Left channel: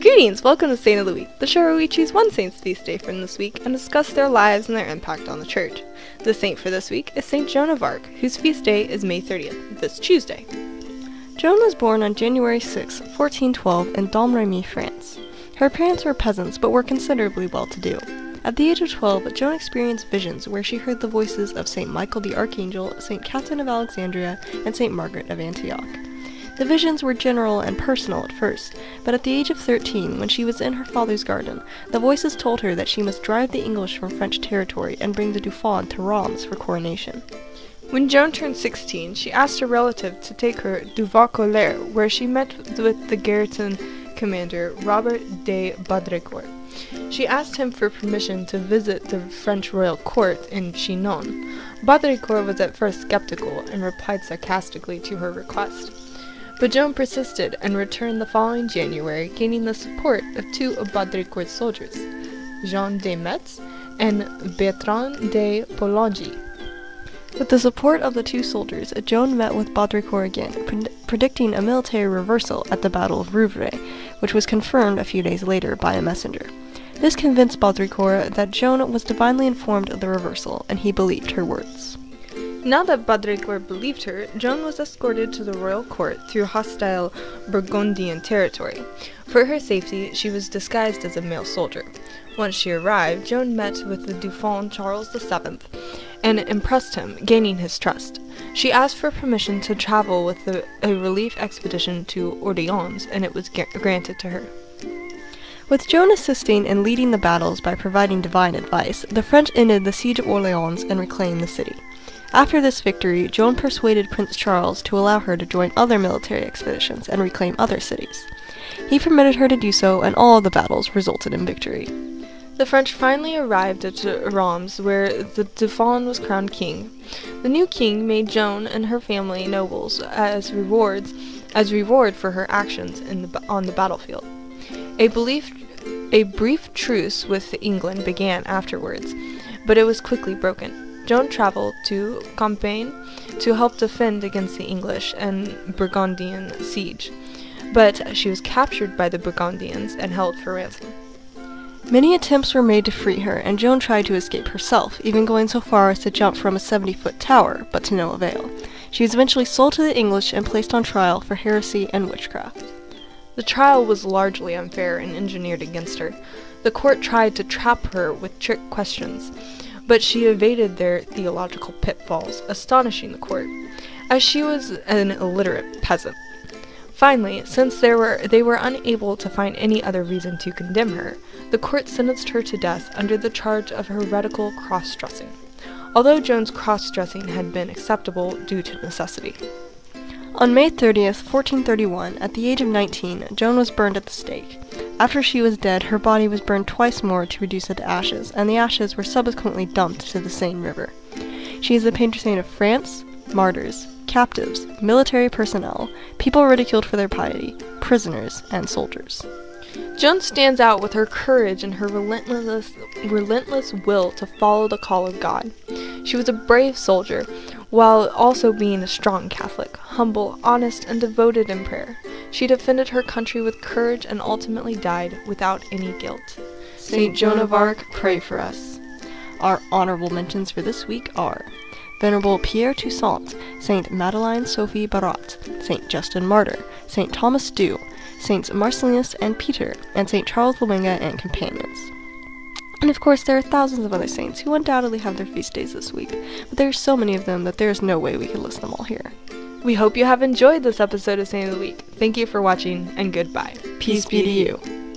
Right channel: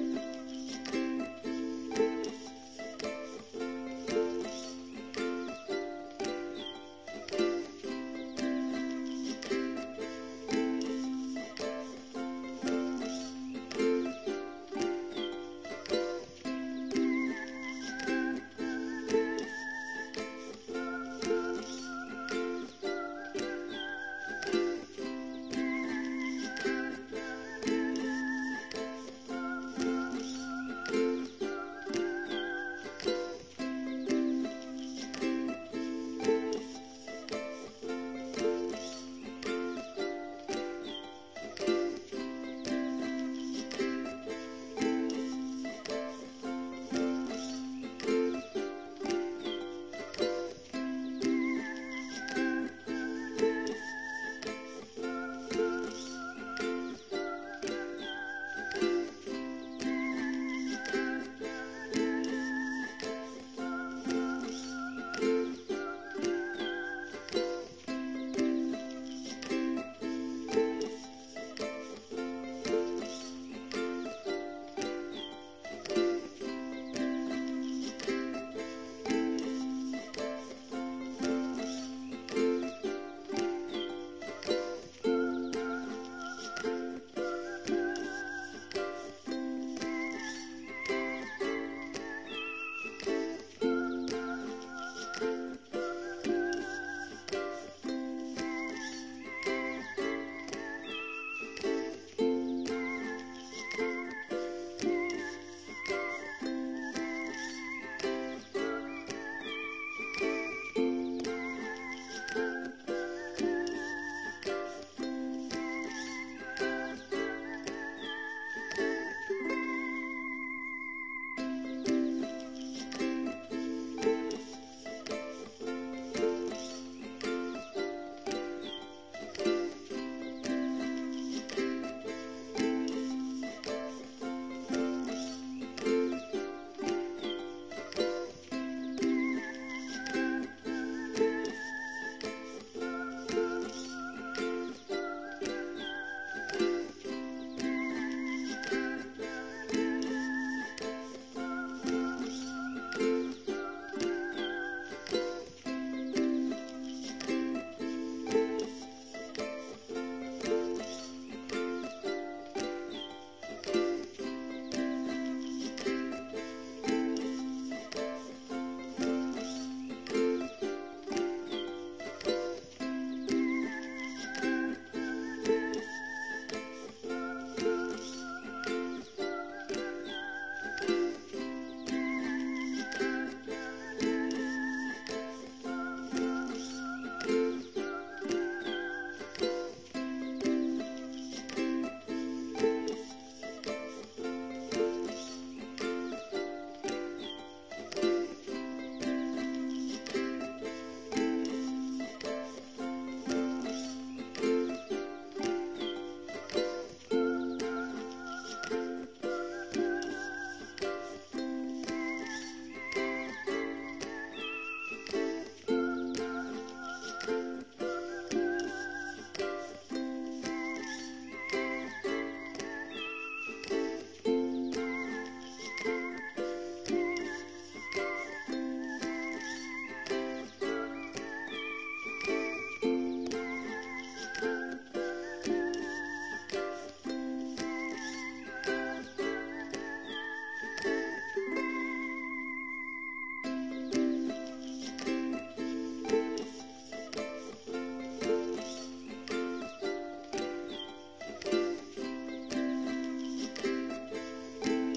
Greetings! Welcome to Saint of the Week, the show where we choose one saint's feast day from this week and discuss their lives and their impact on the church. The saint for this week is Saint Joan of Arc, whose feast day is May 30th, this Tuesday. Joan was born on January 6, 1412 in Domremy, France. Her parents were peasants but were considerably well-to-do. At the age of 12, Joan experienced visions where she heard the voices of St. Michael the Archangel, St. Catherine of Alexandria, and St. Margaret of Antioch. The visions were general and personal at first, but at the age of 13, when she was in her father's garden, the voices told her that she must drive the English from French territory and bring the Dauphin to Reims for coronation. When Joan turned 16, she asked a relative to take her to Vaucouleurs, where she met with the garrison commander Robert de Baudricourt. She asked him for permission to visit the French royal court in Chinon. Baudricourt was at first skeptical and replied sarcastically to her request. But Joan persisted and returned the following January, gaining the support of two of Baudricourt's soldiers, Jean de Metz and Bertrand de Poulengy. With the support of the two soldiers, Joan met with Baudricourt again, predicting a military reversal at the Battle of Rouvray, which was confirmed a few days later by a messenger. This convinced Baudricourt that Joan was divinely informed of the reversal, and he believed her words. Now that Baudricourt believed her, Joan was escorted to the royal court through hostile Burgundian territory. For her safety, she was disguised as a male soldier. Once she arrived, Joan met with the Dauphin Charles VII and impressed him, gaining his trust. She asked for permission to travel with a relief expedition to Orleans, and it was granted to her. With Joan assisting and leading the battles by providing divine advice, the French ended the siege of Orleans and reclaimed the city. After this victory, Joan persuaded Prince Charles to allow her to join other military expeditions and reclaim other cities. He permitted her to do so, and all of the battles resulted in victory. The French finally arrived at Reims, where the Dauphin was crowned king. The new king made Joan and her family nobles as reward for her actions on the battlefield. A brief truce with England began afterwards, but it was quickly broken. Joan traveled to Champagne to help defend against the English and Burgundian siege, but she was captured by the Burgundians and held for ransom. Many attempts were made to free her, and Joan tried to escape herself, even going so far as to jump from a 70-foot tower, but to no avail. She was eventually sold to the English and placed on trial for heresy and witchcraft. The trial was largely unfair and engineered against her. The court tried to trap her with trick questions, but she evaded their theological pitfalls, astonishing the court, as she was an illiterate peasant. Finally, since they were unable to find any other reason to condemn her, the court sentenced her to death under the charge of heretical cross-dressing, although Joan's cross-dressing had been acceptable due to necessity. On May 30th, 1431, at the age of 19, Joan was burned at the stake. After she was dead, her body was burned twice more to reduce it to ashes, and the ashes were subsequently dumped to the Seine River. She is the patron saint of France, martyrs, captives, military personnel, people ridiculed for their piety, prisoners, and soldiers. Joan stands out with her courage and her relentless will to follow the call of God. She was a brave soldier, while also being a strong Catholic, humble, honest, and devoted in prayer. She defended her country with courage and ultimately died without any guilt. Saint Joan of Arc, pray for us. Our honorable mentions for this week are Venerable Pierre Toussaint, Saint Madeleine Sophie Barat, Saint Justin Martyr, Saint Thomas Dew, Saints Marcellinus and Peter, and Saint Charles Bomenga and companions. And of course, there are thousands of other saints who undoubtedly have their feast days this week, but there are so many of them that there is no way we can list them all here. We hope you have enjoyed this episode of Saint of the Week. Thank you for watching, and goodbye. Peace be to you.